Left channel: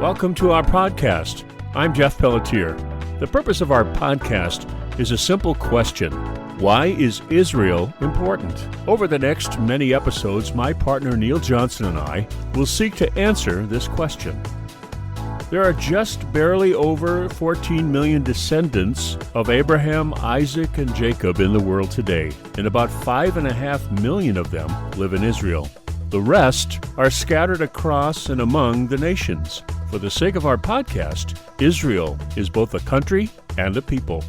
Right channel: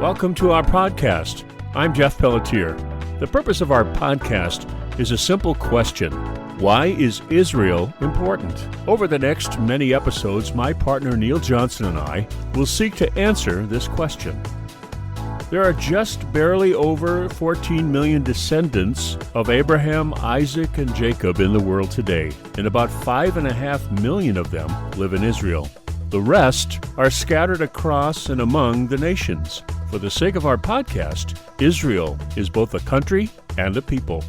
Welcome to our podcast. I'm Jeff Pelletier. The purpose of our podcast is a simple question. Why is Israel important? Over the next many episodes, my partner Neil Johnson and I will seek to answer this question. There are just barely over 14 million descendants of Abraham, Isaac, and Jacob in the world today, and about 5.5 million of them live in Israel. The rest are scattered across and among the nations. For the sake of our podcast, Israel is both a country and a people.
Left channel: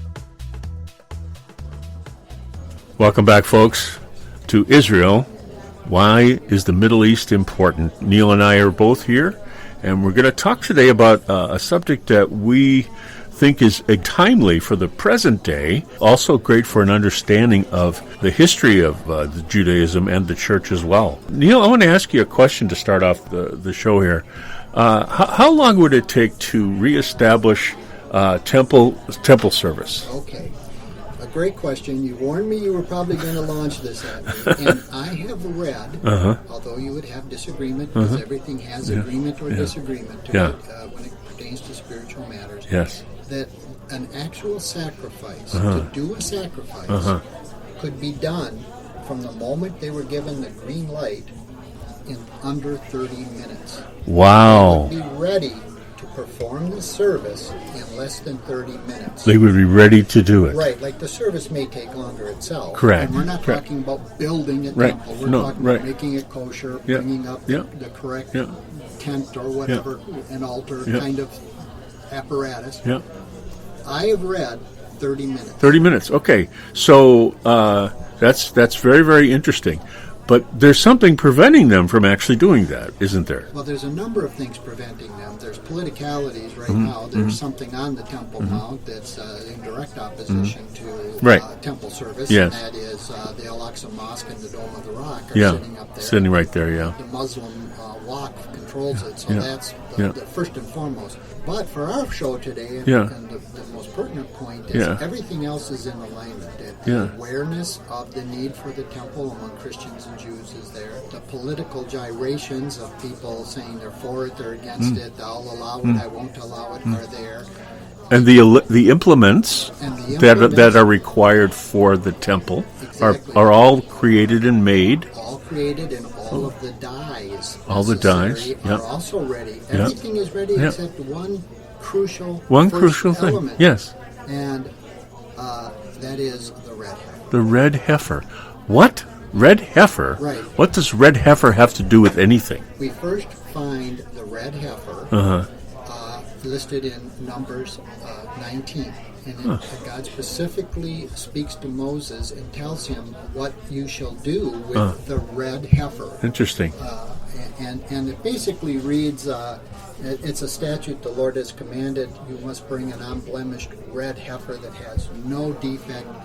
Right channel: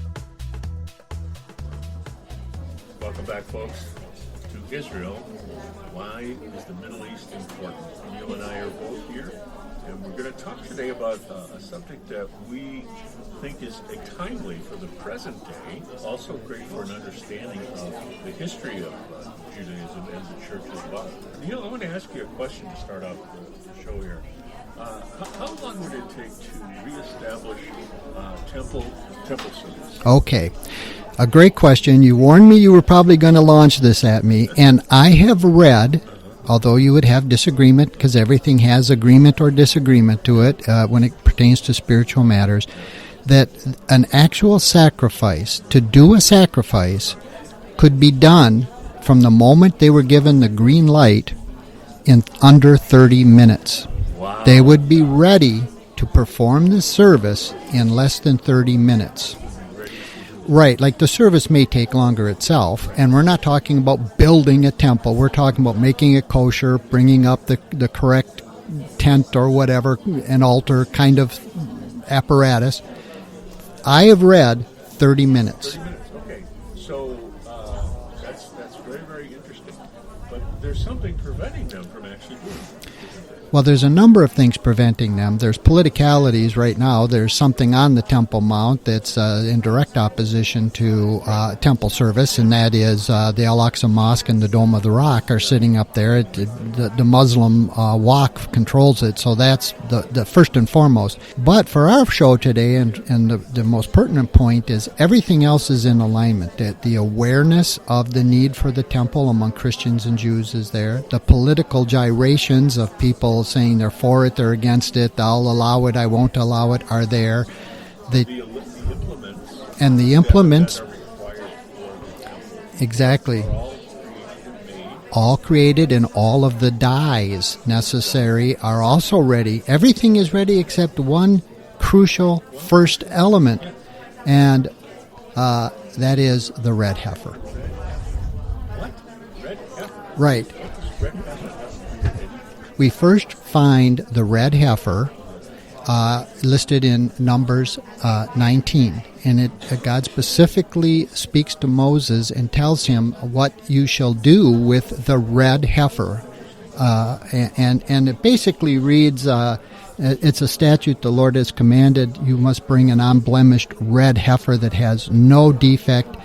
Welcome back, folks, to Israel. Why is the Middle East important? Neil and I are both here, and we're going to talk today about a subject that we think is timely for the present day, also great for an understanding of the history of Judaism and the church as well. Neil, I want to ask you a question to start off the show here. How long would it take to reestablish temple service? Okay. A great question. You warned me you were probably going to launch this at me, and I have read, although you would have disagreement, because everything has agreement or disagreement to it when it pertains to spiritual matters, that an actual sacrifice, to do a sacrifice, could be done from the moment they were given the green light in under 30 minutes. Wow. They would be ready to perform the service in less than 30 minutes. They would be ready to do it. Right, like the service may take longer itself. Correct. And we're not talking about building a temple. We're talking about making it kosher, bringing up the correct tent or whatever, an altar kind of apparatus. I have read 30 minutes. 30 minutes, okay. So that's very, very interesting. But there's something preventing them from actually doing that, isn't there? Well, there's a number of things preventing them. There's politicalities right now. There's something on the Temple Mount that's in direct opposition to temple service, and that is the Al-Aqsa Mosque and the Dome of the Rock are sitting up there. Sitting right there, The Muslim Waqf controls it, so that's the first and foremost. But for our show today, and the most pertinent point is everything else is in alignment. The awareness of the need for the temple among Christians and Jews is there. The political gyrations of people saying they're for it, they're against it, I'll allow it, I won't allow it, are there. And the implements that are required for the temple are all created and made. All created, and all of the dyes necessary are also ready. Everything is ready except one crucial element. Yes. And that is the red heifer. The red heifer. What? Red heifer? Right. What does red heifer have to do with anything? We first find the red heifer listed in Numbers 19. And God specifically speaks to Moses and tells him what you shall do with the red heifer. Interesting. And it basically reads, it's a statute the Lord has commanded, you must bring an unblemished red heifer that has no defect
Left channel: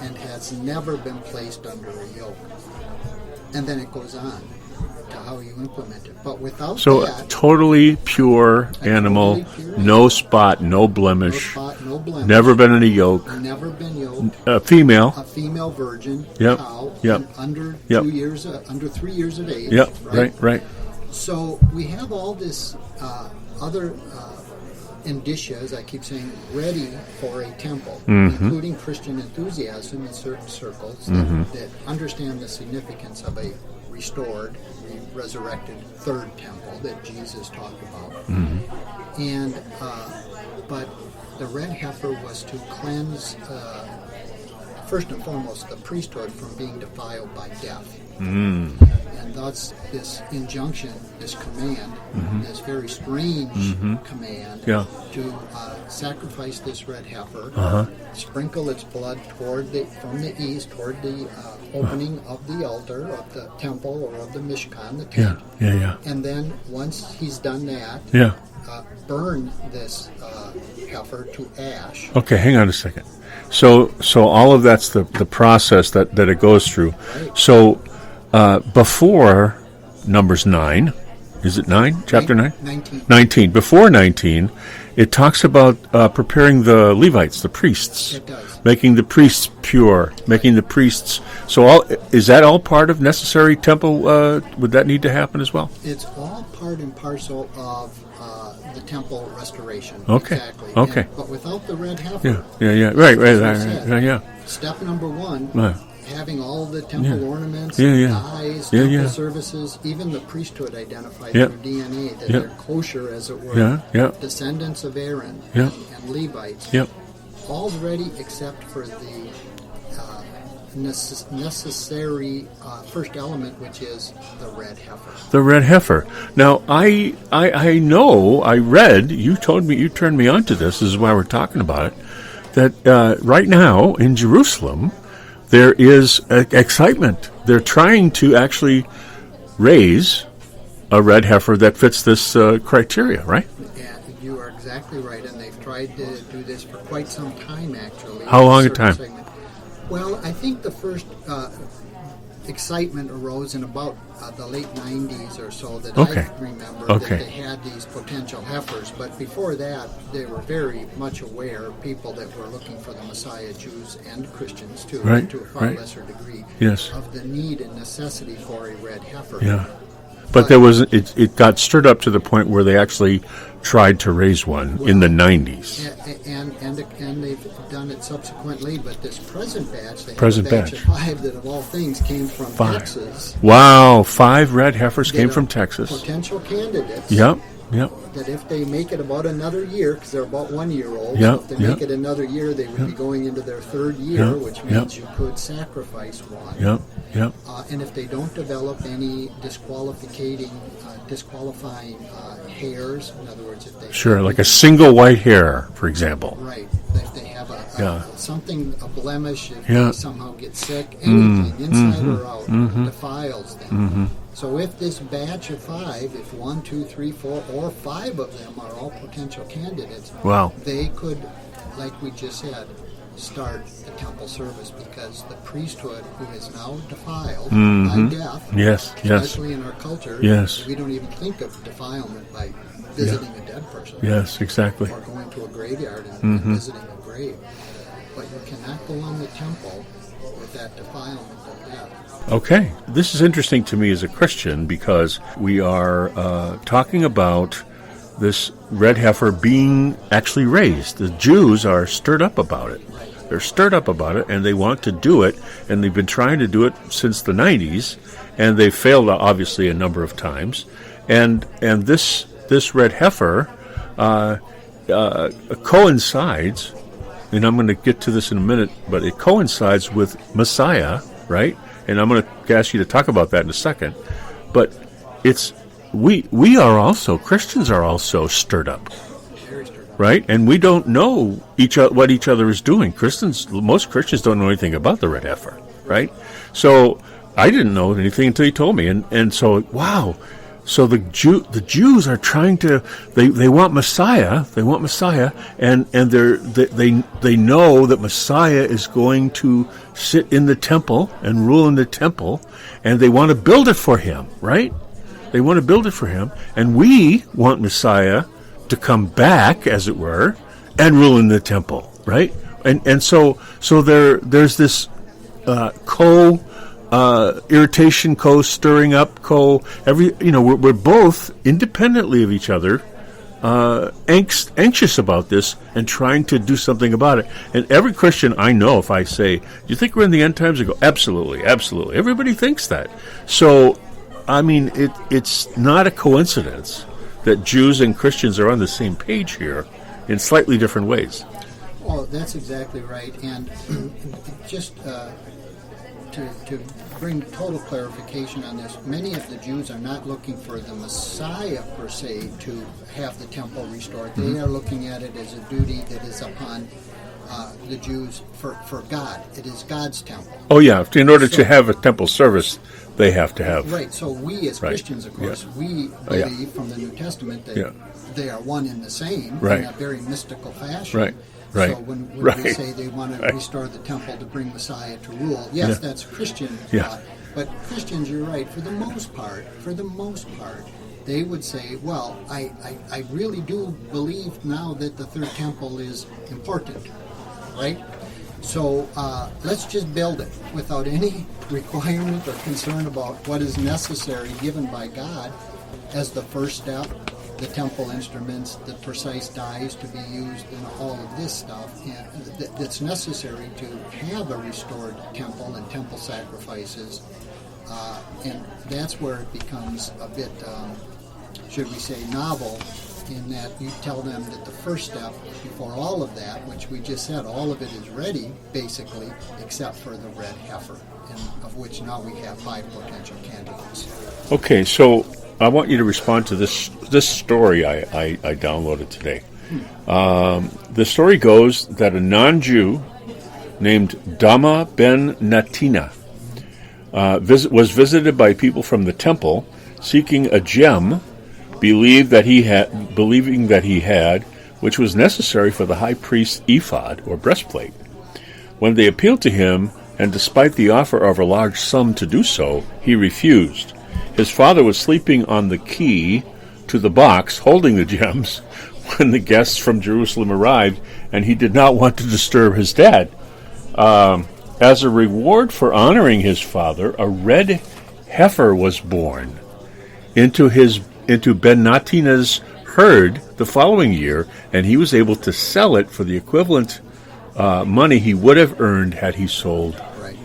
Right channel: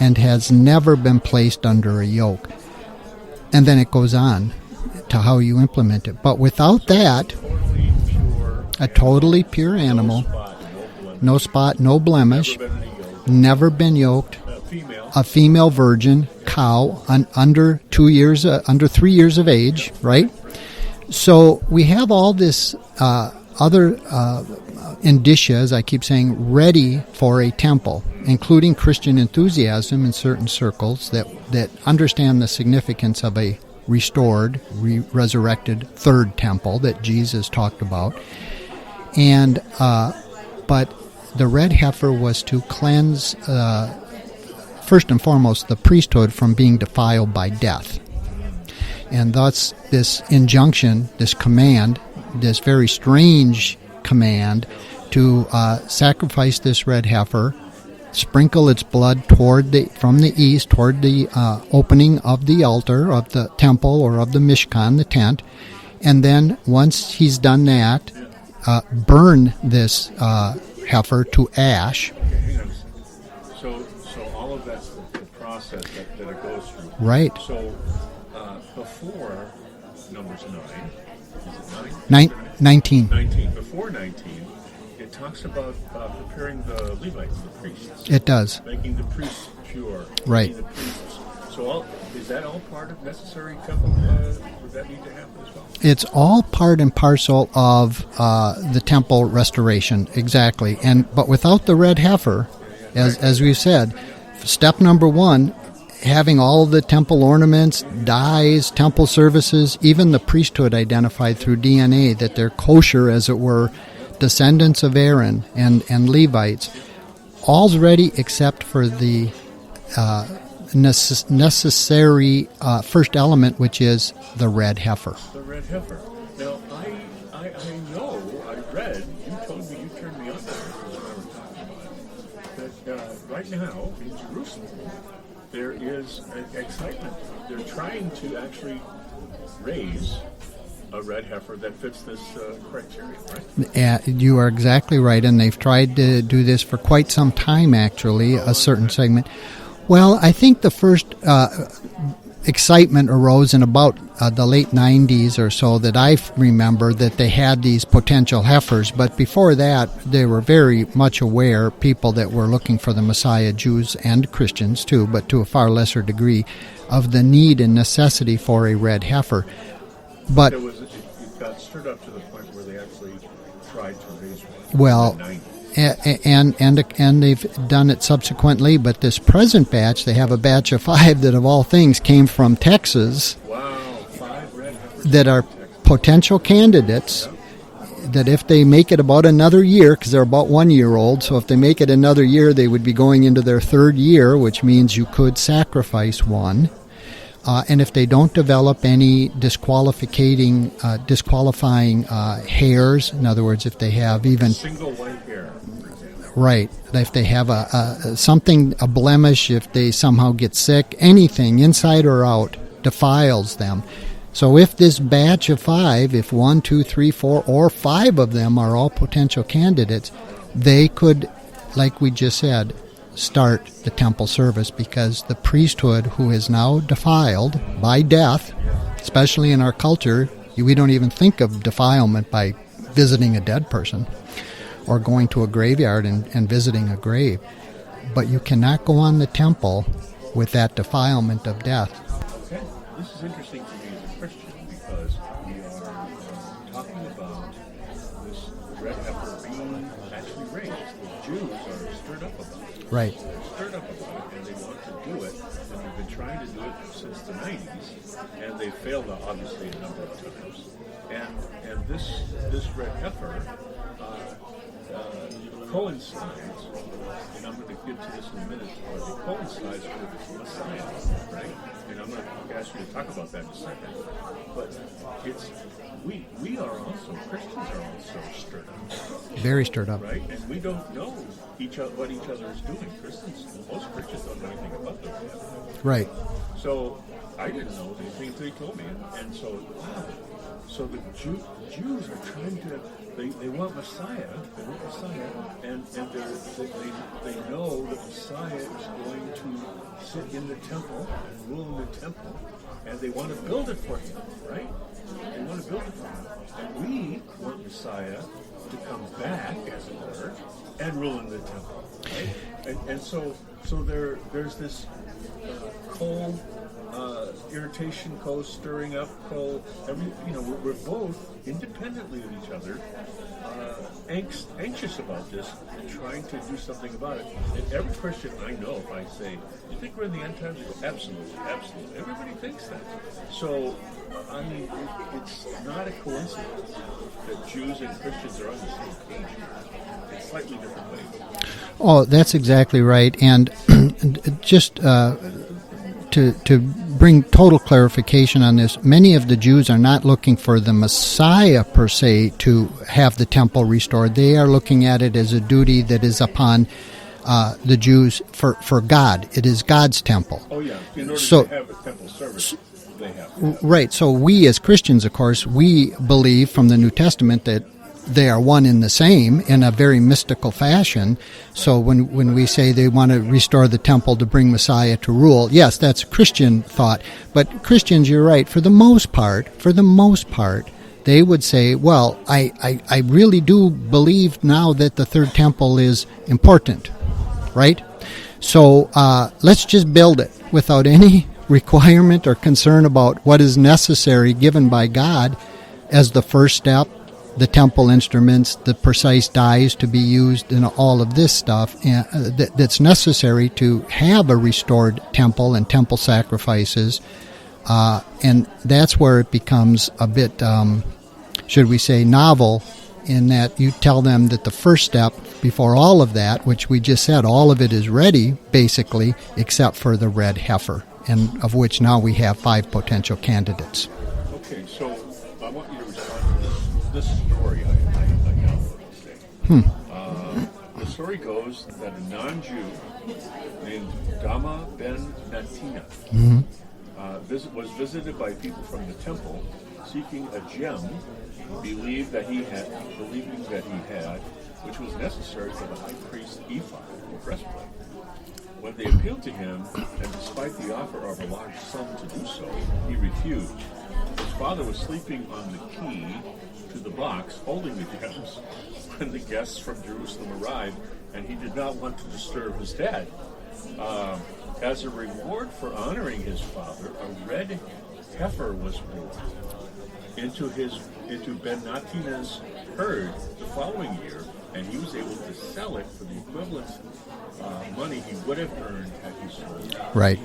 and has never been placed under a yoke. And then it goes on to how you implement it. But without that... totally pure animal. Totally pure animal. No spot, no blemish. No spot, no blemish. Never been in a yoke. Never been yoked. A female. A female virgin cow under 2 years, under 3 years of age, right? Right. So we have all this other... indicia, as I keep saying, ready for a temple, including Christian enthusiasm in certain circles that understand the significance of a restored, resurrected third temple that Jesus talked about. And but the red heifer was to cleanse, first and foremost, the priesthood from being defiled by death. And thus this injunction, this command, this very strange command to sacrifice this red heifer, sprinkle its blood from the east toward the opening of the altar of the temple or of the Mishkan, the tent. And then once he's done that, burn this heifer to ash. Okay, hang on a second. So all of that's the process that it goes through. Right. So before Numbers 9, is it 9? Chapter 9? 19. 19. Before 19, it talks about preparing the Levites, the priests. It does. Making the priests pure, making the priests. So is that all part of necessary temple? Would that need to happen as well? It's all part and parcel of the temple restoration. Okay. Exactly. Okay. But without the red heifer, as we said, step number one, having all the temple ornaments, dyes, temple services, even the priesthood identified through DNA, that they're kosher, as it were, descendants of Aaron and Levites. All's ready except for the necessary first element, which is the red heifer. The red heifer. Now, I know, I read, you turned me on to this is why we're talking about it, that right now in Jerusalem, there is excitement. They're trying to actually raise a red heifer that fits this criteria, right? You are exactly right, and they've tried to do this for quite some time, actually. How long a time? Segment. Well, I think the first excitement arose in about the late 90s or so that I remember that they had these potential heifers. But before that, they were very much aware, people that were looking for the Messiah, Jews and Christians too, but to a far lesser degree, of the need and necessity for a red heifer. Yeah. But there was it got stirred up to the point where they actually tried to raise one in the 90s. And they've done it subsequently, but this present batch, they have a batch of 5 that of all things came from Texas. Wow, 5 red heifers came from Texas. Potential candidates. Yep. That if they make it about another year, because they're about 1 year old, so if they make it another year, they would be going into their 3rd year, which means you could sacrifice one. And if they don't develop any disqualifying hairs, in other words, if they have like a single white hair, for example. Right. If they have a blemish, if they somehow get sick, anything inside or out defiles them. So if this batch of 5, if 1, 2, 3, 4, or 5 of them are all potential candidates, they could, like we just said, start the temple service, because the priesthood, who is now defiled by death, especially in our culture, we don't even think of defilement by visiting a dead person. Yes, exactly. Or going to a graveyard and visiting a grave. But you cannot go on the temple with that defilement of death. Okay. This is interesting to me as a Christian, because we are talking about this red heifer being actually raised. The Jews are stirred up about it. Right. They're stirred up about it, and they want to do it, and they've been trying to do it since the 90s, and they've failed, obviously, a number of times. And this red heifer coincides, and I'm going to get to this in a minute, but it coincides with Messiah, right? And I'm going to ask you to talk about that in a second. But it's we are also, Christians are also stirred up. Very stirred up. Right? And we don't know what each other is doing. Most Christians don't know anything about the red heifer. Right? So I didn't know anything until you told me. And so, wow. So the Jews are trying to, they want Messiah. They want Messiah. And they know that Messiah is going to sit in the temple and rule in the temple. And they want to build it for him. Right? They want to build it for him, and we want Messiah to come back, as it were, and rule in the temple, right? And so there's this irritation, stirring up, we're both independently of each other, anxious about this and trying to do something about it. And every Christian I know, if I say, "Do you think we're in the end times?" I go, "Absolutely, absolutely." Everybody thinks that. So, I mean, it's not a coincidence that Jews and Christians are on the same page here in slightly different ways. Oh, that's exactly right. And just to bring total clarification on this, many of the Jews are not looking for the Messiah per se to have the temple restored. They are looking at it as a duty that is upon the Jews for God. It is God's temple. Oh, yeah. In order to have a temple service, they have to have. Right. So we as Christians, of course, we believe from the New Testament that they are one and the same in a very mystical fashion. Right. So when we say they want to restore the temple to bring Messiah to rule, that's a Christian thought. But Christians, you're right, for the most part, they would say, well, I really do believe now that the third temple is important, right? So let's just build it without any requirement or concern about what is necessary given by God as the first step, the temple instruments, the precise dyes to be used, and all of this stuff that's necessary to have a restored temple and temple sacrifices. And that's where it becomes a bit, should we say, novel, in that you tell them that the first step before all of that, which we just said, all of it is ready, basically, except for the red heifer, and of which now we have 5 potential candidates. Okay, so I want you to respond to this story I downloaded today. The story goes that a non-Jew named Dama ben Natina was visited by people from the temple seeking a gem, believing that he had, which was necessary for the high priest's ephod or breastplate. When they appealed to him, and despite the offer of a large sum to do so, he refused. His father was sleeping on the key to the box holding the gems when the guests from Jerusalem arrived, and he did not want to disturb his dad. As a reward for honoring his father, a red heifer was born into Ben Natina's herd the following year, and he was able to sell it for the equivalent money he would have earned had he sold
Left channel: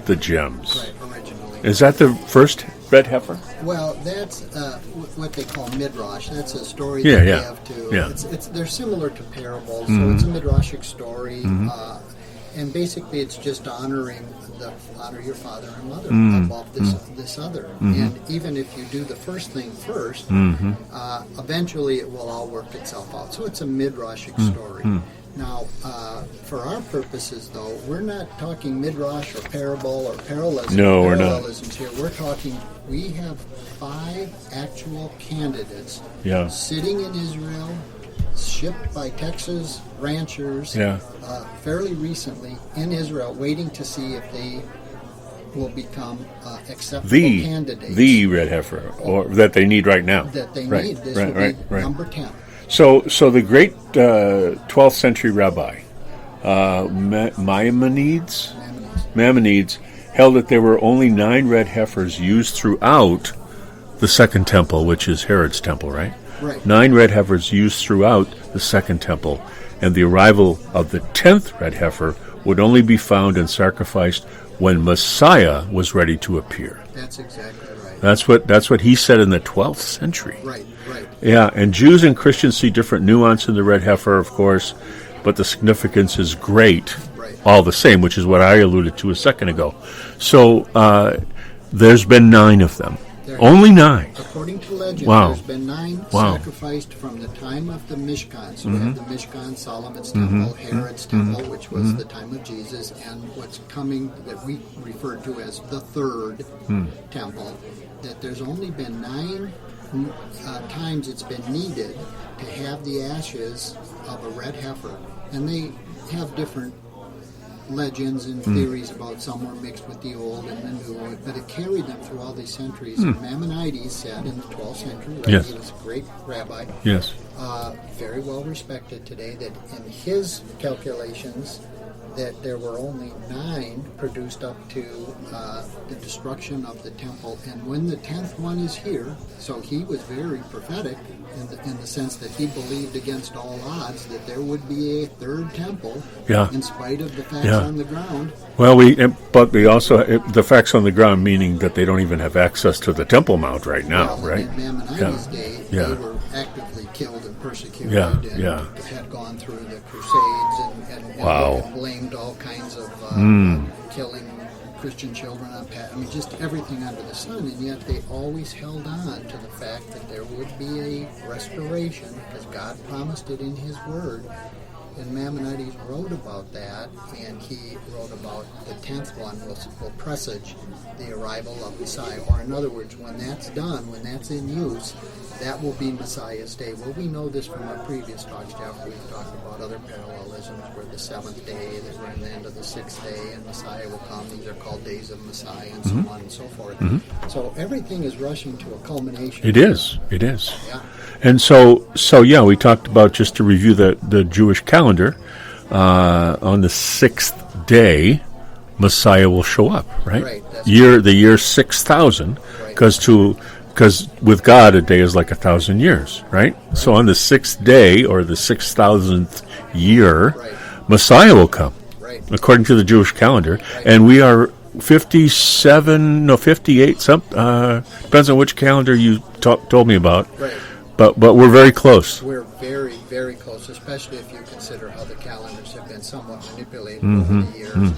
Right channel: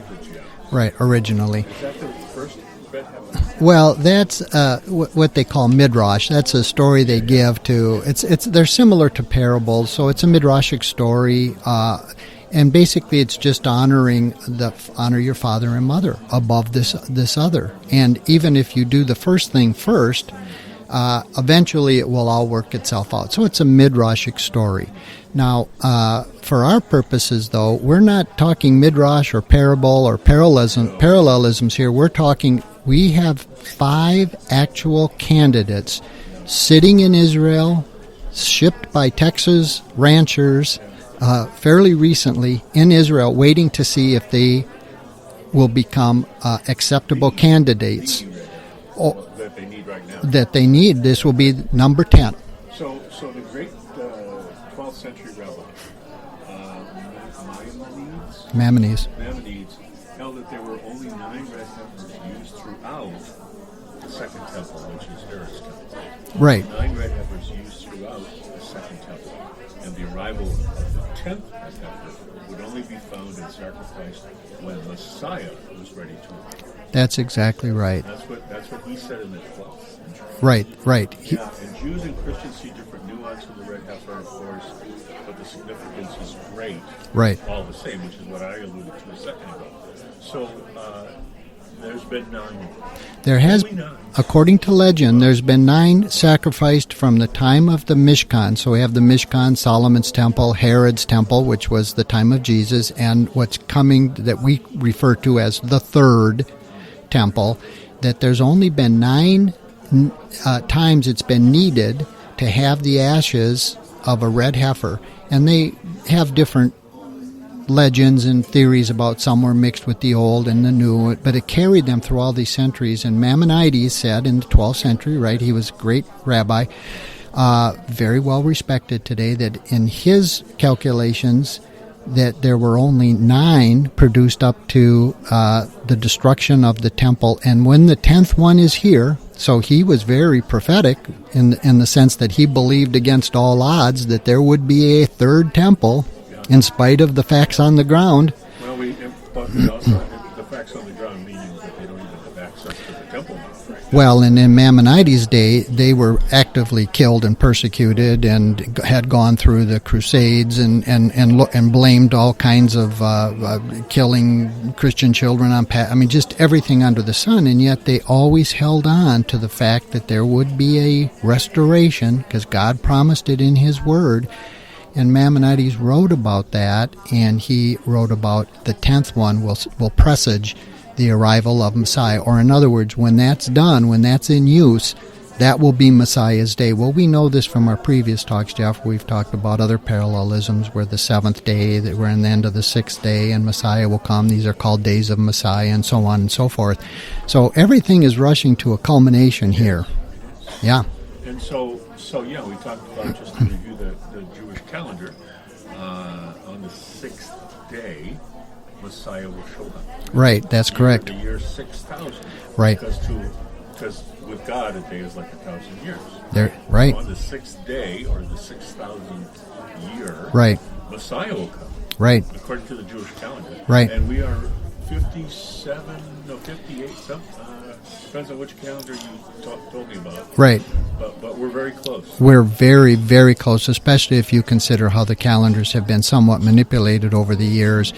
the gems. Right, originally. Is that the first red heifer? Well, that's what they call midrash. That's a story they give to. Yeah. They're similar to parables, so it's a midrashic story. And basically, it's just honor your father and mother above this other. And even if you do the first thing first, eventually it will all work itself out. So it's a midrashic story. Now, for our purposes, though, we're not talking midrash or parable or parallelisms here. We're talking. We have 5 actual candidates sitting in Israel, shipped by Texas ranchers fairly recently in Israel, waiting to see if they will become acceptable candidates. The red heifer, or that they need right now. That they need. This will be number 10. So the great 12th century rabbi, Maimonides, held that there were only 9 red heifers used throughout the Second Temple, which is Herod's temple, right? Right. 9 red heifers used throughout the Second Temple, and the arrival of the 10th red heifer would only be found and sacrificed when Messiah was ready to appear. That's exactly right. That's what he said in the 12th century. Right. Yeah, and Jews and Christians see different nuance in the red heifer, of course, but the significance is great. Right. All the same, which is what I alluded to a second ago. So there's been 9 of them. Only 9. According to legend, there's been 9 sacrificed from the time of the Mishkan. So we have the Mishkan, Solomon's temple, Herod's temple, which was the time of Jesus, and what's coming that we refer to as the third temple, that there's only been 9 times it's been needed to have the ashes of a red heifer. And they have different legends and theories about some were mixed with the old and the new, but it carried them through all these centuries. And Maimonides said in the 12th century, right, he was a great rabbi, very well respected today, that in his calculations that there were only 9 produced up to the destruction of the temple, and when the 10th one is here, so he was very prophetic in the sense that he believed against all odds that there would be a third temple in spite of the facts on the ground. Well, but we also the facts on the ground, meaning that they don't even have access to the Temple Mount right now. Well, and in Maimonides' day, they were actively killed and persecuted, and had gone through the Crusades and blamed all kinds of killing Christian children on. Just everything under the sun, and yet they always held on to the fact that there would be a restoration because God promised it in His Word. And Maimonides wrote about that, and he wrote about the 10th one will presage the arrival of Messiah. Or in other words, when that's done, when that's in use, that will be Messiah's day. Well, we know this from our previous talks, Jeff. We've talked about other parallelisms where the seventh day, that we're in the end of the sixth day, and Messiah will come. These are called days of Messiah, and so on and so forth. So everything is rushing to a culmination here. It is. Yeah. And so yeah, we talked about, just to review the Jewish calendar, on the sixth day, Messiah will show up, right? Right, that's correct. The year 6,000. Right. Because with God, a day is like 1,000 years, right? Right. So on the sixth day, or the 6,000th year, Right. Messiah will come, Right. according to the Jewish calendar. Right. And we are 58, depends on which calendar you told me about. Right. But we're very close. We're very, very close, especially if you consider how the calendars have been somewhat manipulated over the years.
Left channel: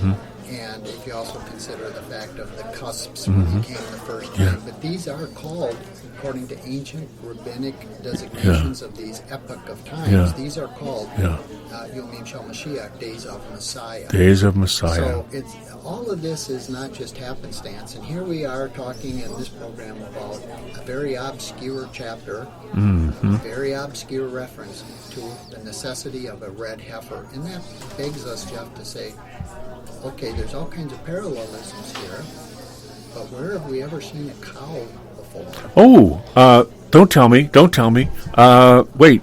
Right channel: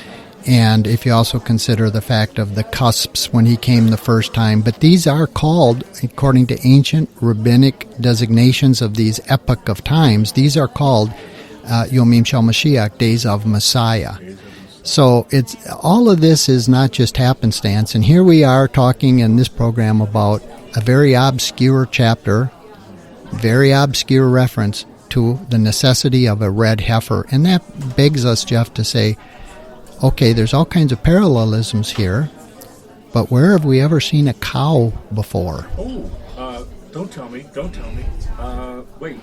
And if you also consider the fact of the cusps when he came the first time. But these are called, according to ancient rabbinic designations of these epoch of times, these are called Yomim Shel Mashiach, days of Messiah. Days of Messiah. So it's all of this is not just happenstance. And here we are talking in this program about a very obscure chapter, very obscure reference to the necessity of a red heifer. And that begs us, Jeff, to say, okay, there's all kinds of parallelisms here, but where have we ever seen a cow before? Oh, don't tell me. Wait,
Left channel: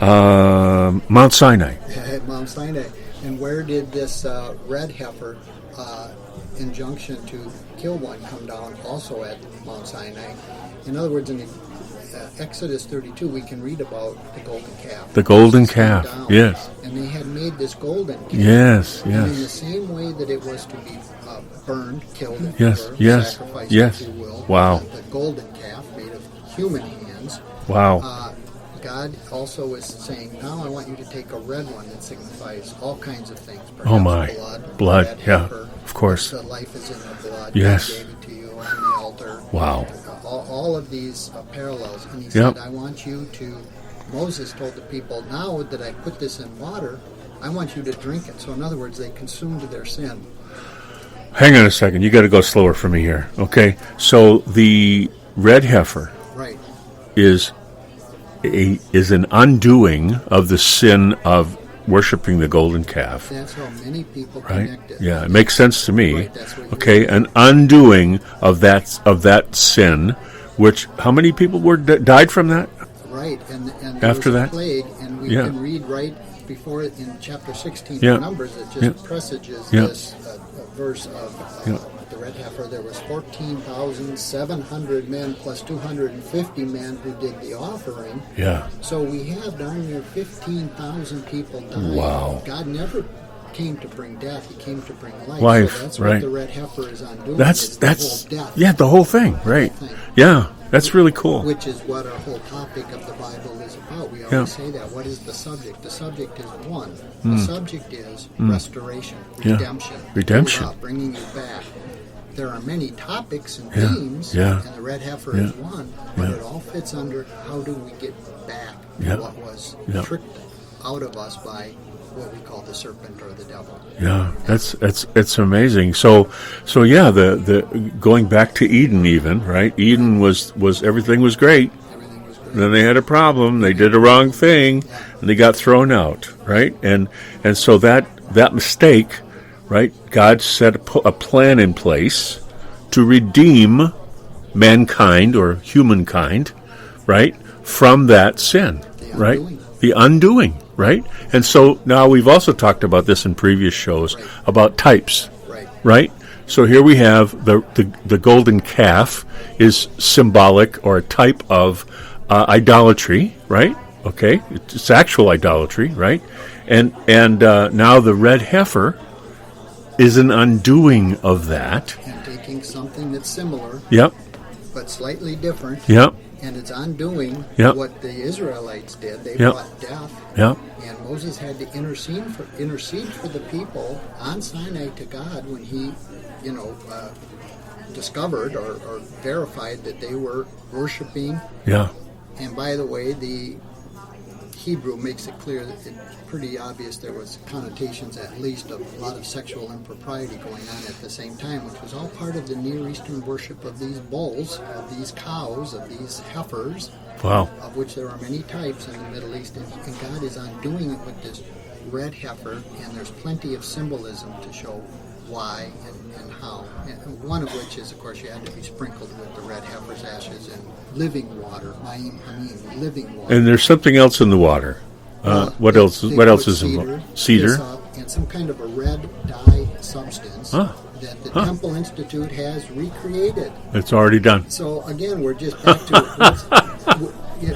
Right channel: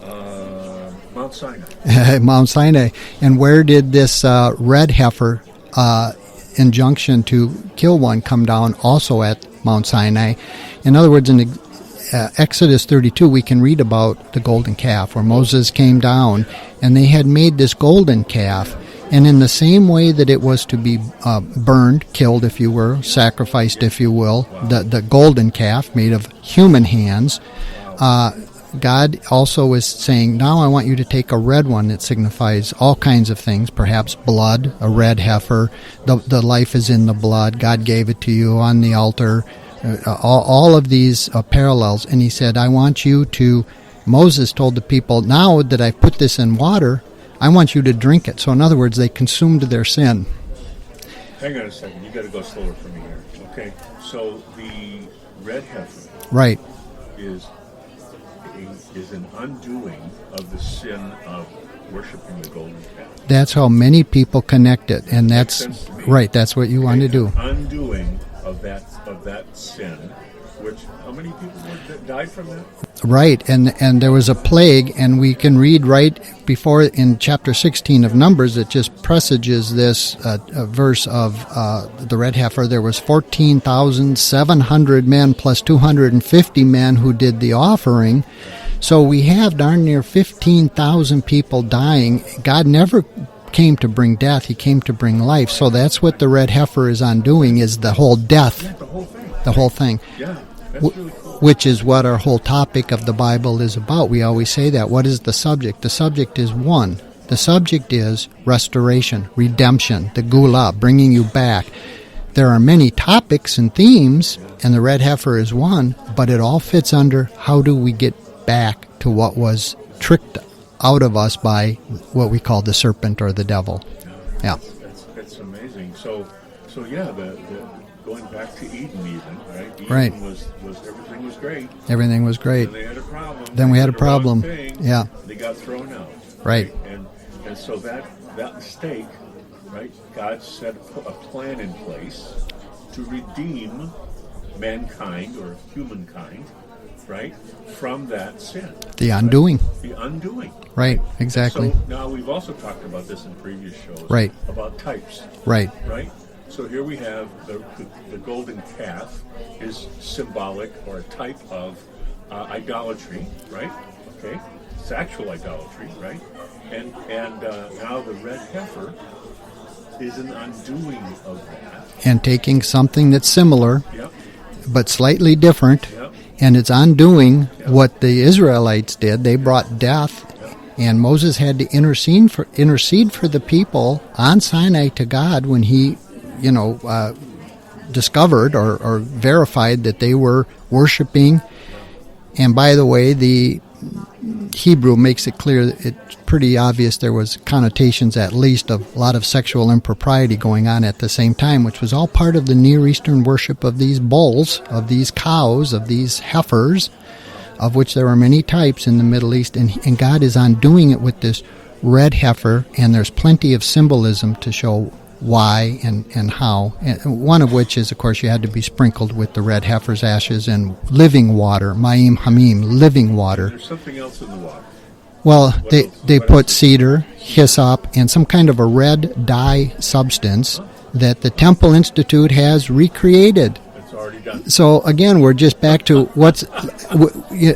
Mount Sinai. Mount Sinai. And where did this red heifer injunction to kill one come down? Also at Mount Sinai. In other words, in Exodus 32, we can read about the golden calf. The Moses golden calf, came down, yes. and they had made this golden calf. Yes, And in the same way that it was to be burned, killed, if you Yes, were, yes, sacrificed, yes. if you will, Wow. the golden calf made of human hands, Wow. God also is saying, now I want you to take a red one that signifies all kinds of things, perhaps my. blood, the Blood, red yeah, heifer. of course. The life is in the blood. Yes. God gave it to you on the altar. Wow. All of these parallels. And he said, I want you to, Moses told the people, now that I put this in water, I want you to drink it. So in other words, they consumed their sin. Hang on a second. You got to go slower for me here. Okay. So the red heifer Right. is an undoing of the sin of worshiping the golden calf. That's how many people connect it. Yeah, and it makes sense to me. Right, that's what you okay, want to do. an undoing of that sin, which how many people died from that? Right, and there was After a that? plague, and we Yeah. can read right before in chapter 16 Yeah. of Numbers that just Yeah. presages Yeah. this verse of the red heifer. There was 14,700 men plus 250 men who did the offering. Yeah. So we have darn near 15,000 people dying. Wow. God never came to bring death, he came to bring life. So Life, that's what right. the red heifer is undoing, is the whole death. Yeah, the whole thing. The right. whole thing. Yeah, that's really cool. Which is what our whole topic of the Bible is about. We always say that. What is the subject? The subject is one. The subject is restoration, redemption, the Redemption. gula, bringing you back. There are many topics and themes, Yeah. and the red heifer is one, but it all fits under how do we get back to what was tricked out of us by what we call the serpent or the devil. Yeah, it's amazing. So yeah, the going back to Eden, even right. Eden was everything was great. Everything was great. Then they had a problem. Then They we had did a a wrong problem. thing. Yeah. And they got thrown out. Right. And so that mistake, right? God set a plan in place to redeem mankind or humankind, right, from that sin. The right? undoing. The undoing. Right, Right. exactly. And so now we've also talked about this in previous shows. Right. About types. Right. Right? So here we have the golden calf is symbolic or a type of idolatry, right? Okay, it's actual idolatry, right? And now the red heifer is an undoing of that. And taking something that's similar, Yep, but slightly different, yep, and it's undoing Yep. what the Israelites did. They brought death, yep. and Moses had to intercede for the people on Sinai to God when he, discovered or verified that they were worshiping. Yeah. And by the way, the Hebrew makes it clear that it's pretty obvious there was connotations at least of a lot of sexual impropriety going on at the same time, which was all part of the Near Eastern worship of these bulls, of these cows, of these heifers, Wow. of which there are many types in the Middle East, and God is undoing it with this red heifer, and there's plenty of symbolism to show why and how, and one of which is, of course, you had to be sprinkled with the red heifer's ashes and living water, ma'im hamim, living water. And there's something else in the water. Well, what they, else? they What put else is cedar, cedar, hyssop, and some kind of a red dye substance that the Temple Institute has recreated. It's already done. So again, we're just back to what's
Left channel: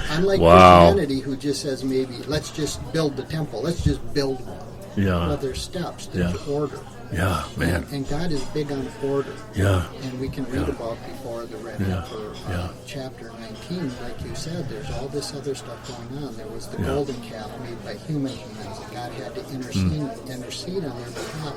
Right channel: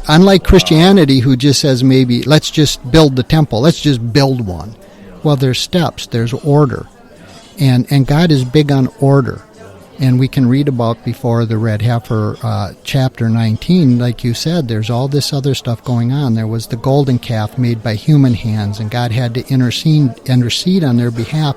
unlike Wow. Christianity, who just says maybe let's just build the temple, let's just build one. Yeah. Well, there's steps, there's order. Yeah. And God is big on order. Yeah. And we can read about before the red heifer, chapter 19, like you said, there's all this other stuff going on. There was the golden calf made by human hands, and God had to intercede on their behalf,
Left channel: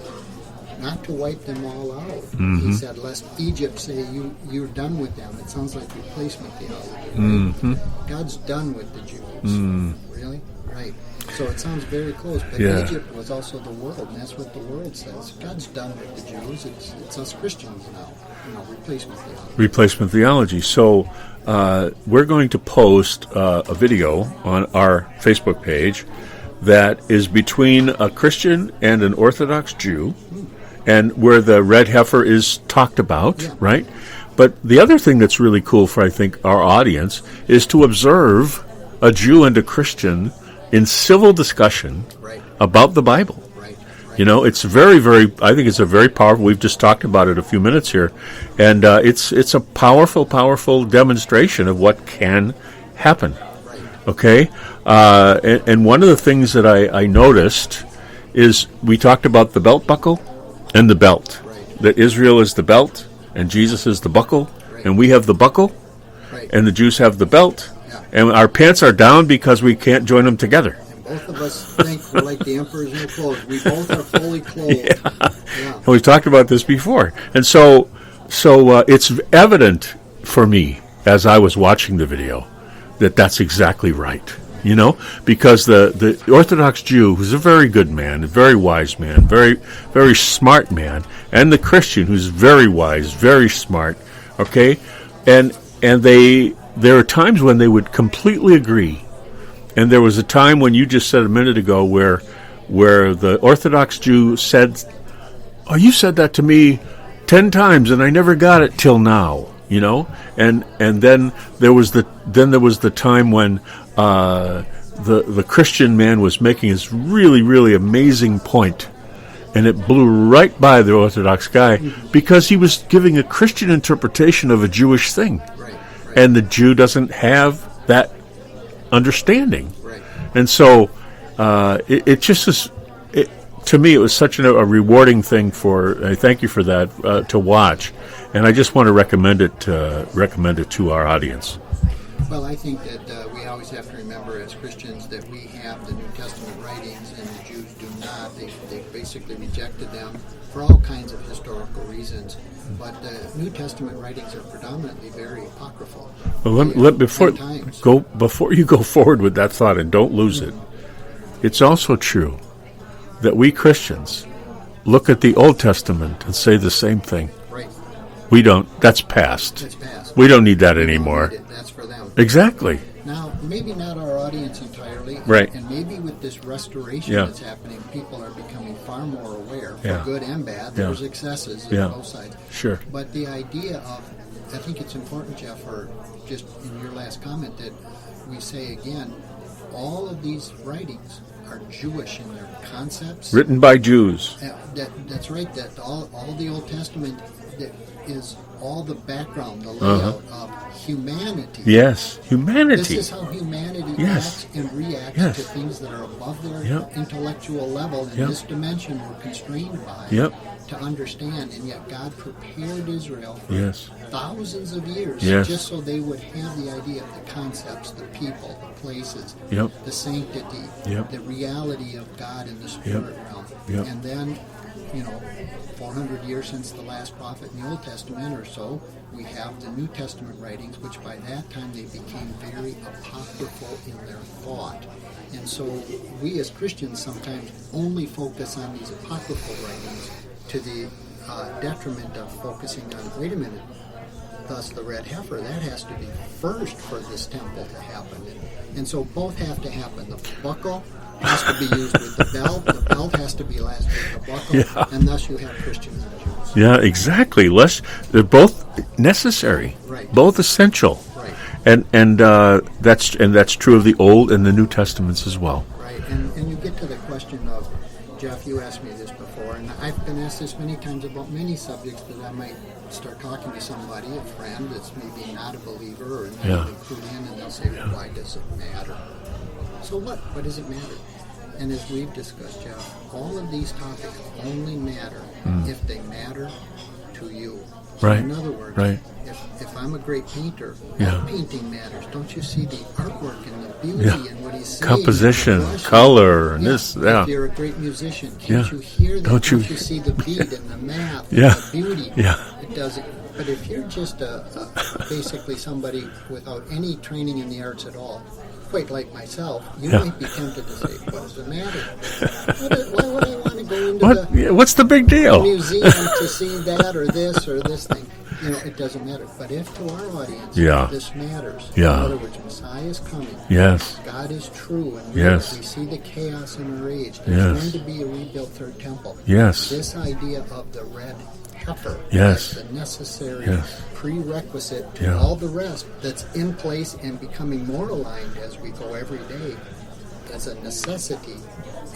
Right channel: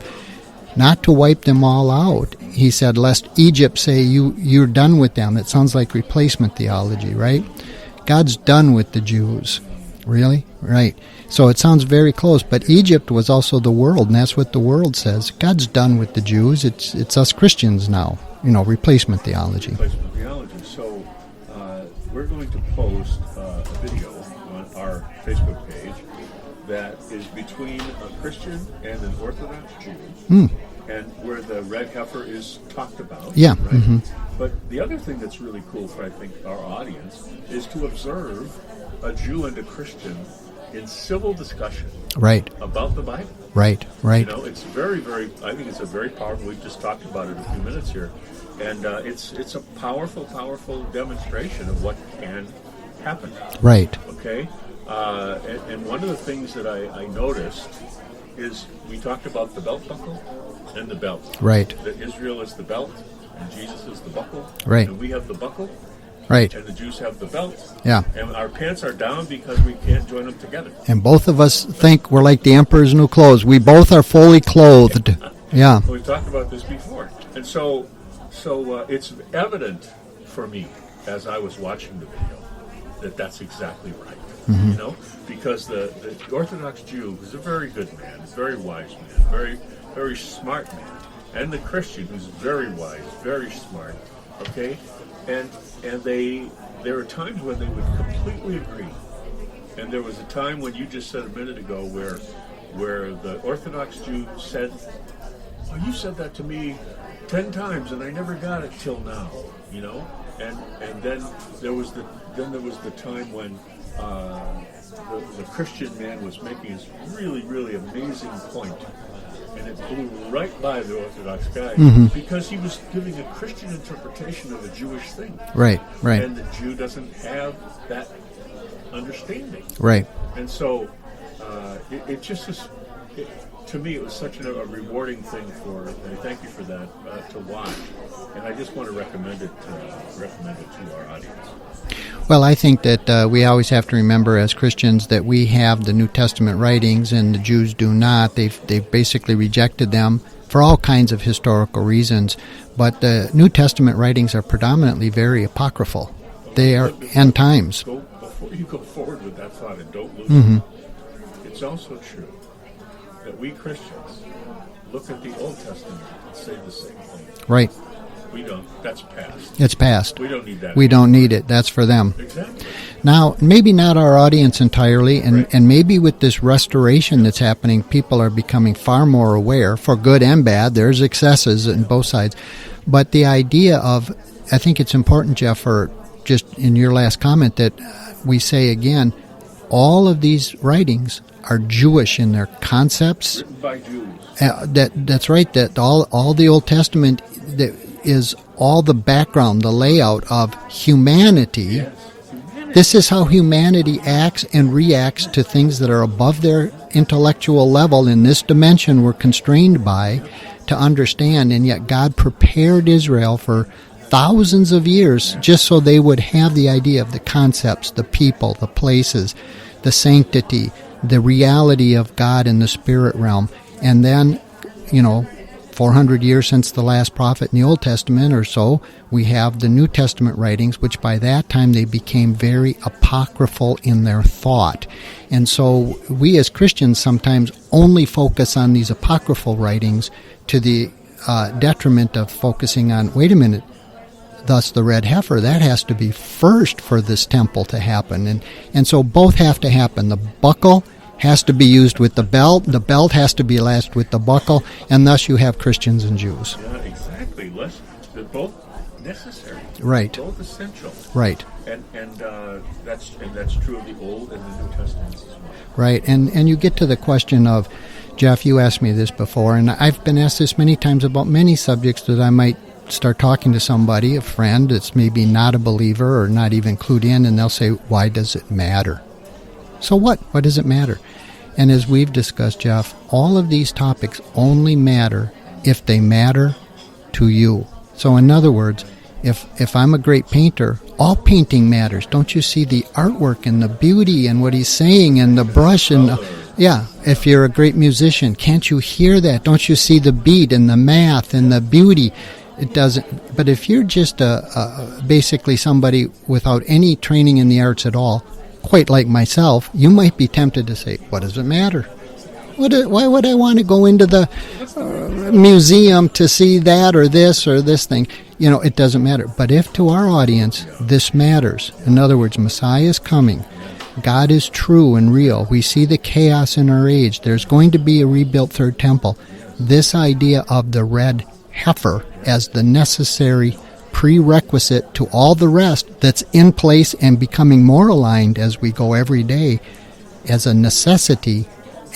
not to wipe them all out. Mm-hmm. He said, lest Egypt say, you're done with them. It sounds like replacement theology, right? Mm-hmm. God's done with the Jews. Really? Right. So it sounds very close, but Yeah. Egypt was also the world, and that's what the world says. God's done with the Jews. It's us Christians now. Replacement theology. Replacement theology. So we're going to post a video on our Facebook page that is between a Christian and an Orthodox Jew, and where the red heifer is talked about, Yeah. right? But the other thing that's really cool for, I think, our audience is to observe a Jew and a Christian in civil discussion Right. about the Bible. Right. Right. It's very, very, I think it's a very powerful, we've just talked about it a few minutes here, and it's a powerful, powerful demonstration of what can happen, Right. okay? And one of the things that I noticed is we talked about the belt buckle and the belt. Right. That Israel is the belt and Jesus is the buckle. Right. And we have the buckle Right. and the Jews have the belt. Yeah. And our pants are down because we can't join them together. And both of us think we're like the emperor's new clothes. We both are fully clothed. Yeah. We've talked about this before. And so it's evident for me as I was watching the video that that's exactly right, because the Orthodox Jew, who's a very good man, a very wise man, very, very smart man, and the Christian, who's very wise, very smart, okay, and there are times when they would completely agree, and there was a time when you just said a minute ago where the Orthodox Jew said, "Oh, you said that to me 10 times, and I never got it till now," And then there was the time when the Christian man was making his really, really amazing point, and it blew right by the Orthodox guy because he was giving a Christian interpretation of a Jewish thing. Right. Right. And the Jew doesn't have that understanding. Right. And so it just is, to me, it was such a rewarding thing I thank you for that, to watch. And I just want to recommend it to our audience. Well, I think that we always have to remember as Christians that we have the New Testament writings and the Jews do not. They've basically rejected them for all kinds of historical reasons. But the New Testament writings are predominantly very apocryphal. They are end times. Before you go forward with that thought, and don't lose it, it's also true that we Christians look at the Old Testament and say the same thing. Right. We don't. That's past. It's past. We don't need that anymore. We don't need it. That's for them. Exactly. Now, maybe not our audience entirely, and, Right. and maybe with this restoration Yeah. that's happening, people are becoming far more aware, for good and bad. There's excesses Yeah. on both sides. Sure. But the idea of, I think it's important, Jeff, for just in your last comment, that we say again, all of these writings are Jewish in their concepts. Written by Jews. That's right. That all the Old Testament that is all the background, the layout of humanity. Yes, humanity. This is how humanity Yes. acts and reacts Yes. to things that are above their Yep. intellectual level in this dimension we're constrained by Yep. to understand. And yet God prepared Israel for Yes. thousands of years Yes. just so they would have the idea of the concepts, the people, the places, Yep. the sanctity, Yep. the reality of God in the spirit realm. Yep. And then, 400 years since the last prophet in the Old Testament or so, we have the New Testament writings, which by that time they became very apocryphal in their thought. And so we as Christians sometimes only focus on these apocryphal writings to the detriment of focusing on, wait a minute, thus the red heifer, that has to be first for this temple to happen. And so both have to happen. The buckle has to be used with the belt has to be lashed with the buckle, and thus you have Christians and Jews. Yeah, exactly. They're both necessary. Right. Both essential. Right. And that's true of the Old and the New Testaments as well. Right. And you get to the question of, Jeff, you asked me this before, and I've been asked this many times about many subjects that I might start talking to somebody, a friend that's maybe not a believer or not even clued in, and they'll say, why does it matter? So what? What does it matter? And as we've discussed, Jeff, all of these topics only matter if they matter to you. So in other words, if I'm a great painter, all painting matters. Don't you see the artwork and the beauty and what he's saying, composition, and the brush, color? And if you're a great musician, can't you hear that? Don't you see the beat and the math and the beauty? It doesn't. But if you're just basically somebody without any training in the arts at all, quite like myself, you might be tempted to say, what does it matter? Why would I want to go into what's the big deal? Museum to see that or this thing? It doesn't matter. But if to our audience this matters, in other words, Messiah is coming. Yes. God is true and real. Yes. We see the chaos in our age. There's going to be a rebuilt third temple. Yes. This idea of the red heifer as the necessary prerequisite to all the rest that's in place and becoming more aligned as we go every day as a necessity.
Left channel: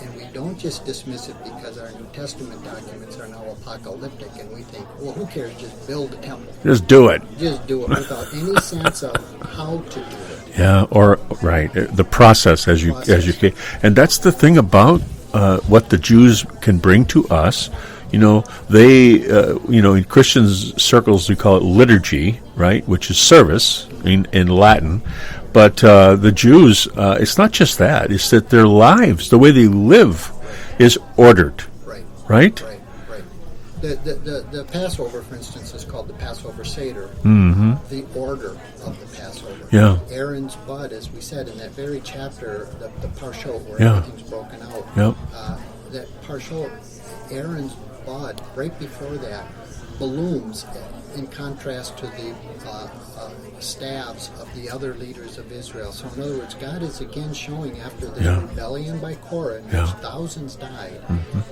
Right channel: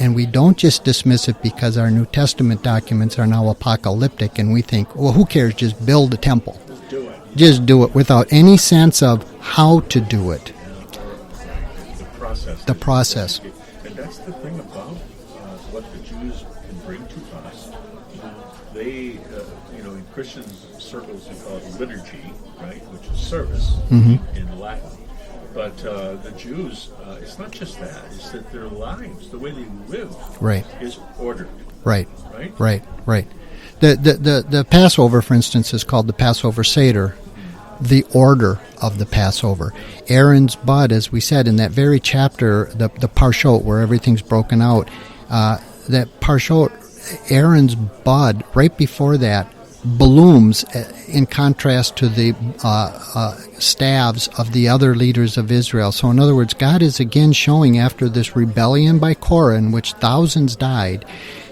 And we don't just dismiss it because our New Testament documents are now apocalyptic and we think, well, who cares? Just build a temple. Just do it. Just do it without any sense of how to do it. Yeah, or the process, as you and that's the thing about what the Jews can bring to us. They, in Christian circles, we call it liturgy, right, which is service in Latin. But the Jews, it's not just that. It's that their lives, the way they live, is ordered. Right. The Passover, for instance, is called the Passover Seder, the order of the Passover. Yeah. Aaron's bud, as we said in that very chapter, the Parshot, where everything's broken out, that Parshot, Aaron's bud, right before that, blooms in contrast to the staves of the other leaders of Israel. So in other words, God is again showing after this rebellion by Korah in which thousands died,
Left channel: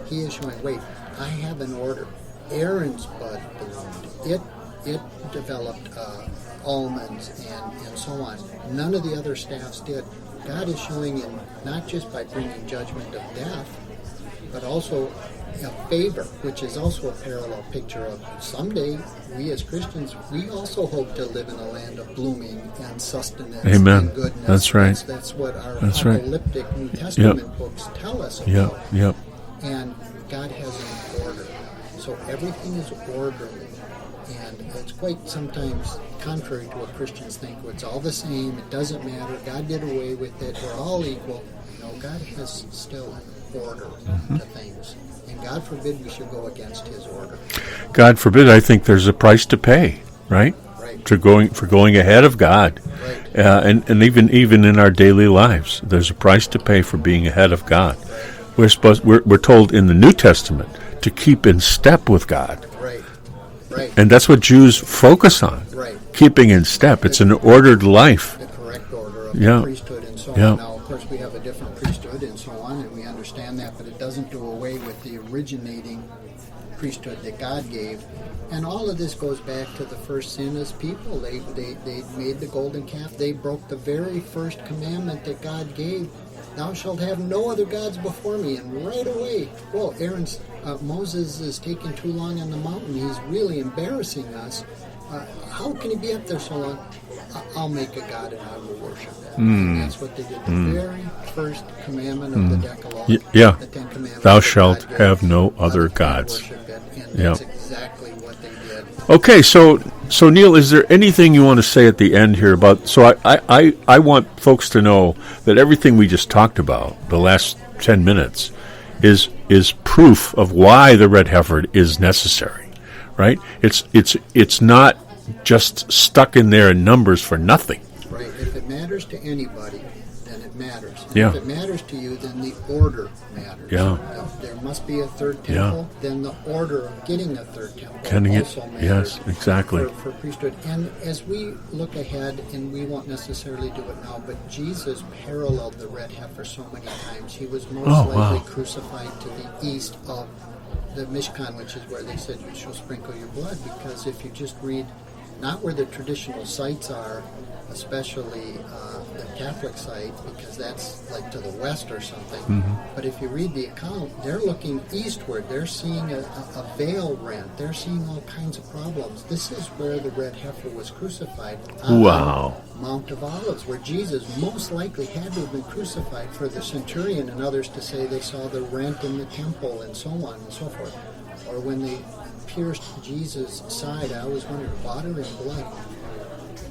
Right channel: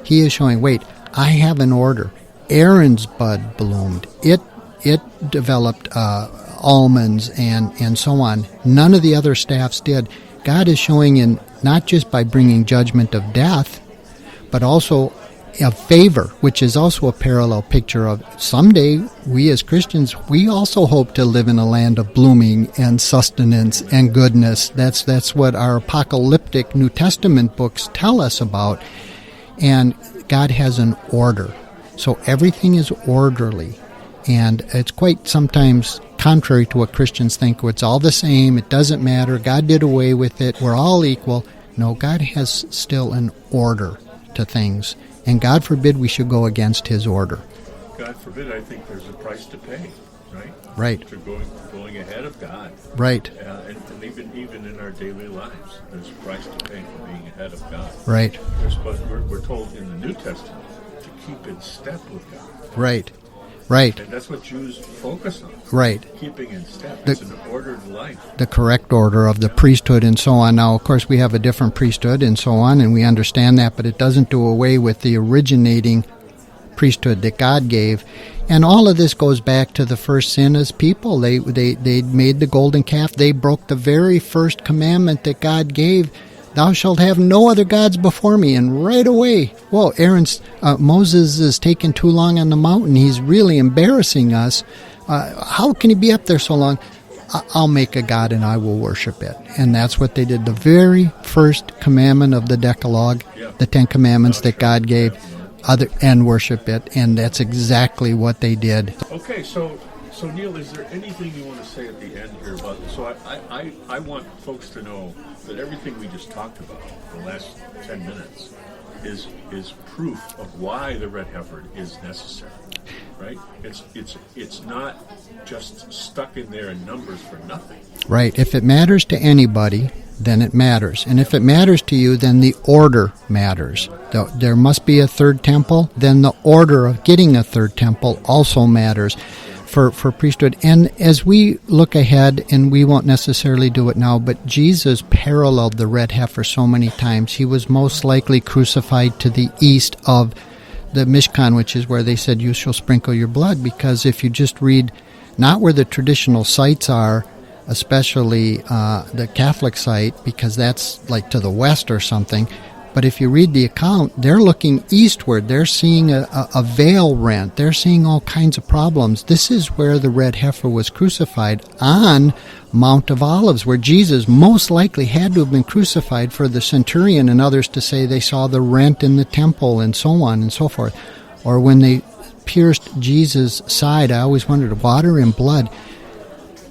he is showing, wait, I have an order. Aaron's bud bloomed. It developed almonds and so on. None of the other staffs did. God is showing in not just by bringing judgment of death, but also of favor, which is also a parallel picture of someday we as Christians, we also hope to live in a land of blooming and sustenance and goodness. That's what our apocalyptic New Testament books tell us about. And God has an order. So everything is orderly. And it's quite sometimes contrary to what Christians think. It's all the same. It doesn't matter. God did away with it. We're all equal. No, God has still an order to things. And God forbid we should go against his order. God forbid. I think there's a price to pay, right? Right. For going ahead of God. Right. And even in our daily lives, there's a price to pay for being ahead of God. Right. We're told in the New Testament to keep in step with God. Right. And that's what Jews focus on. Right. Keeping in step. It's an ordered life. The correct order of the priesthood and so on. Now, of course, we have a different priesthood and so on, and we understand that, but it doesn't do away with the originating priesthood that God gave. And all of this goes back to the first sin as people. They made the golden calf. They broke the very first commandment that God gave. Thou shalt have no other gods before me. And right away, whoa, Moses is taking too long on the mountain. He's really embarrassing us. How can he be up there so long? I'll make a god and I will worship it. And that's what they did. The very first commandment of the Decalogue, the Ten Commandments that God gave. Thou shalt have no other gods. And worship it. And that's exactly what they did. Okay, so Neil, is there anything you want to say at the end here about? So I want folks to know that everything we just talked about, the last 10 minutes, is proof of why the red heifer is necessary, right? It's not just stuck in there in numbers for nothing. Right. If it matters to anybody, then it matters. And Yeah. if it matters to you, then the order matters. Yeah. There must be a third temple. Then the order of getting a third temple also matters for priesthood. And as we look ahead, and we won't necessarily do it now, but Jesus paralleled the red heifer so many times. He was most likely crucified to the east of the Mishkan, which is where they said, you shall sprinkle your blood, because if you just read not where the traditional sites are, especially the Catholic site, because that's like to the west or something, but if you read the account, they're looking eastward. They're seeing a veil rent. They're seeing all kinds of problems. This is where the red heifer was crucified, on Mount of Olives, where Jesus most likely had to have been crucified, for the centurion and others to say they saw the rent in the temple and so on and so forth. Or when they pierced Jesus' side, I always wondered, water and blood.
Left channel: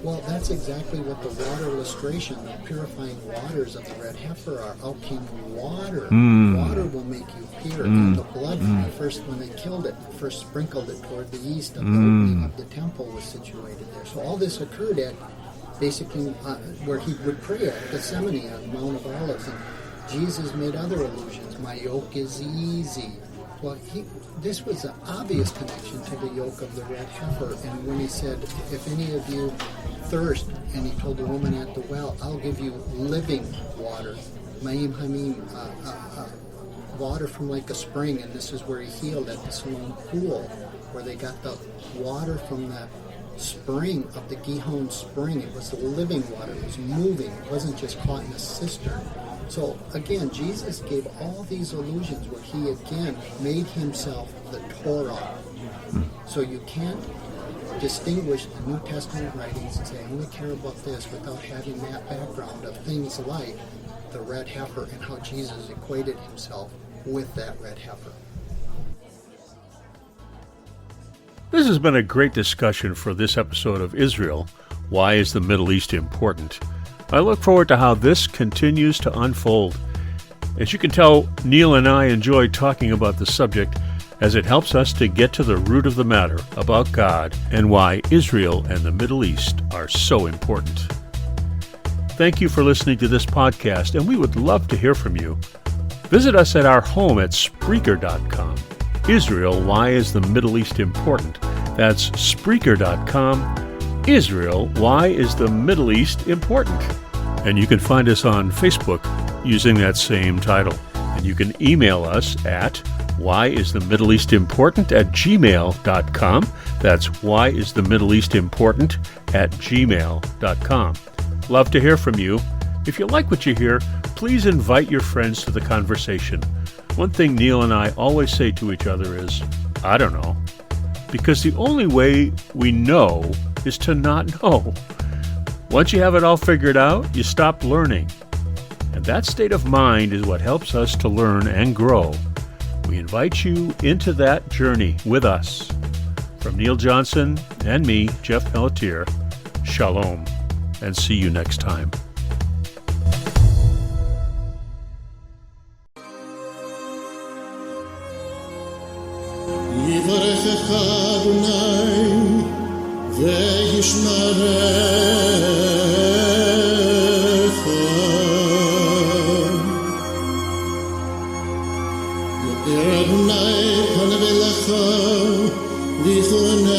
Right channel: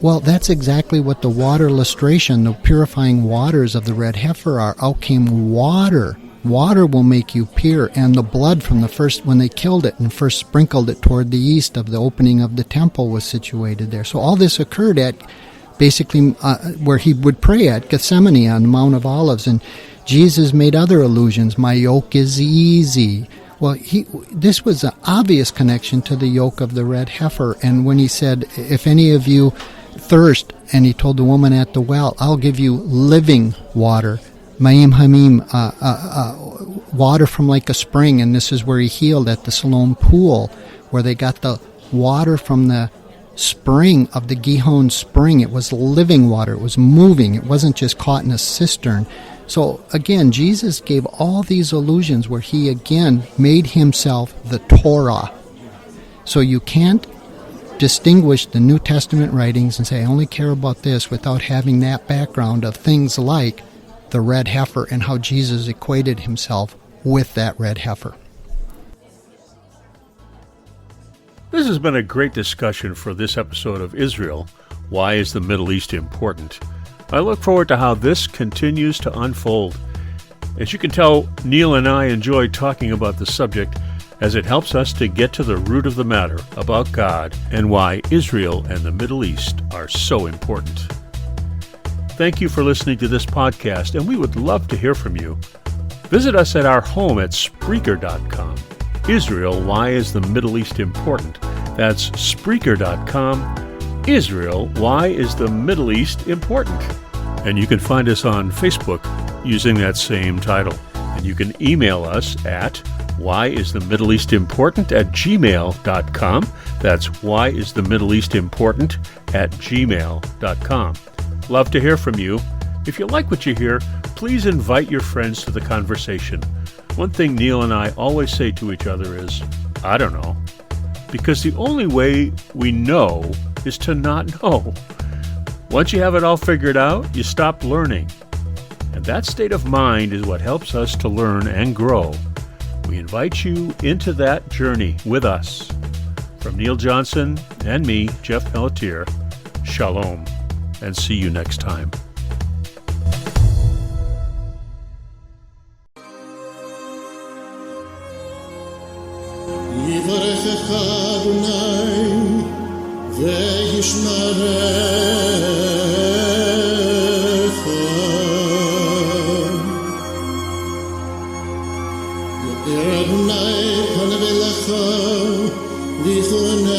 Well, that's exactly what the water lustration, the purifying waters of the red heifer are. Out came water. Water will make you pure. And the blood from the first, when they killed it and first sprinkled it toward the east of the opening of the temple, was situated there. So all this occurred at basically where he would pray at Gethsemane on the Mount of Olives. And Jesus made other allusions. My yoke is easy. Well, this was an obvious connection to the yoke of the red heifer. And when he said, if any of you thirst, and he told the woman at the well, I'll give you living water, Ma'im Hamim, water from like a spring. And this is where he healed at the Siloam pool, where they got the water from the spring of the Gihon spring. It was living water. It was moving. It wasn't just caught in a cistern. So again, Jesus gave all these allusions where he again made himself the Torah. So you can't distinguish the New Testament writings and say, I only care about this, without having that background of things like the red heifer and how Jesus equated himself with that red heifer. This has been a great discussion for this episode of Israel. Why is the Middle East important? I look forward to how this continues to unfold. As you can tell, Neil and I enjoy talking about the subject, as it helps us to get to the root of the matter about God and why Israel and the Middle East are so important. Thank you for listening to this podcast, and we would love to hear from you. Visit us at our home at Spreaker.com. Israel, why is the Middle East important? That's Spreaker.com. Israel, why is the Middle East important? And you can find us on Facebook using that same title. And you can email us at whyisthemiddleeastimportant@gmail.com. That's whyisthemiddleeastimportant@gmail.com. Love to hear from you. If you like what you hear, please invite your friends to the conversation. One thing Neil and I always say to each other is, I don't know. Because the only way we know is to not know. Once you have it all figured out, you stop learning. And that state of mind is what helps us to learn and grow. We invite you into that journey with us. From Neil Johnson and me, Jeff Pelletier, shalom, and see you next time. יברכך אדוני וישמרך, יאיר אדוני פניו אליך ויחונך,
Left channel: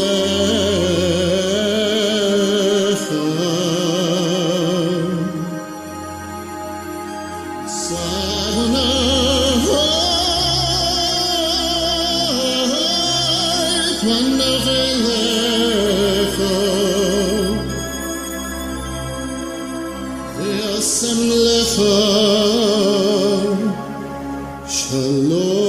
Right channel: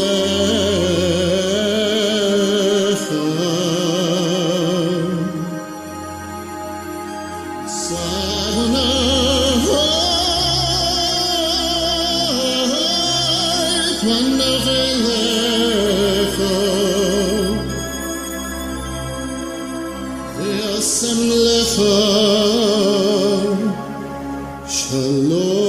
פניו אליך וישם לך שלום.